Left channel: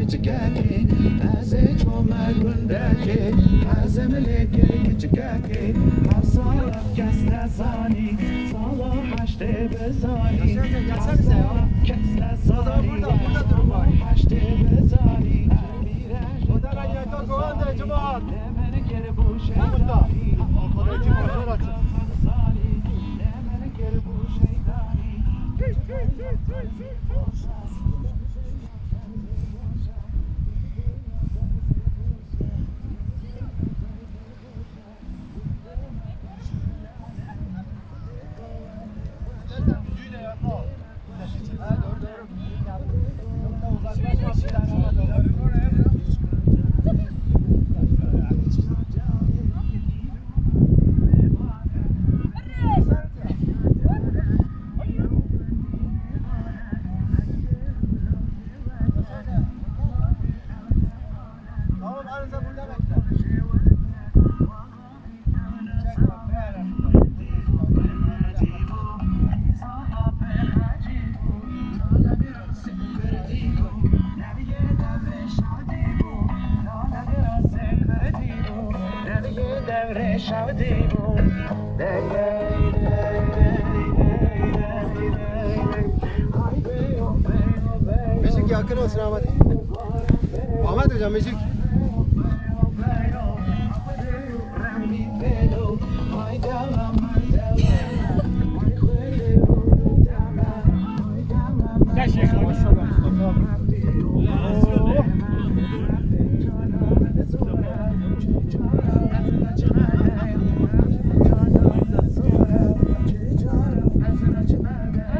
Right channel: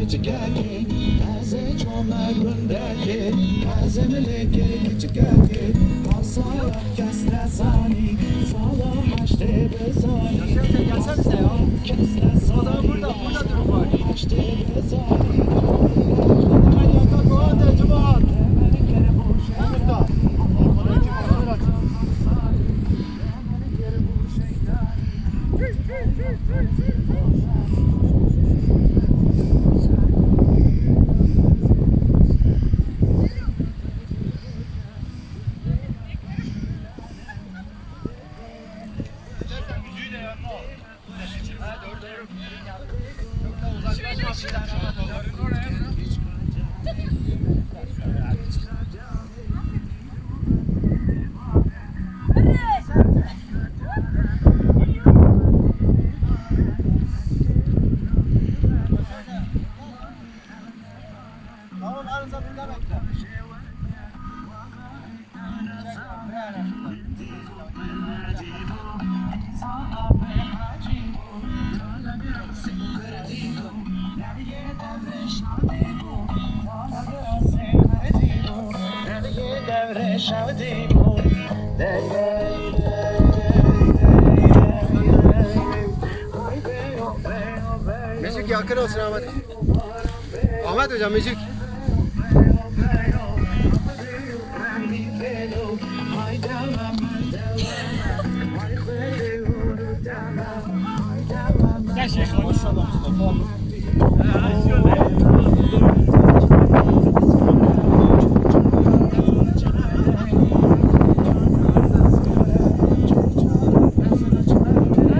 küçük erkek Taze çolmak gündeki Taze meleke küçük erkek Hasa kesle zani Sala haşte bezani Hasa kesle zani Haşte bezani Hemen yakın kovan da cemaat. Usta. Tamam, arıza burada bekle. Müzik yakın olsun Ahmet. Ahmet hocam müzik. Gel Şeyh. Maşallah Mustafa.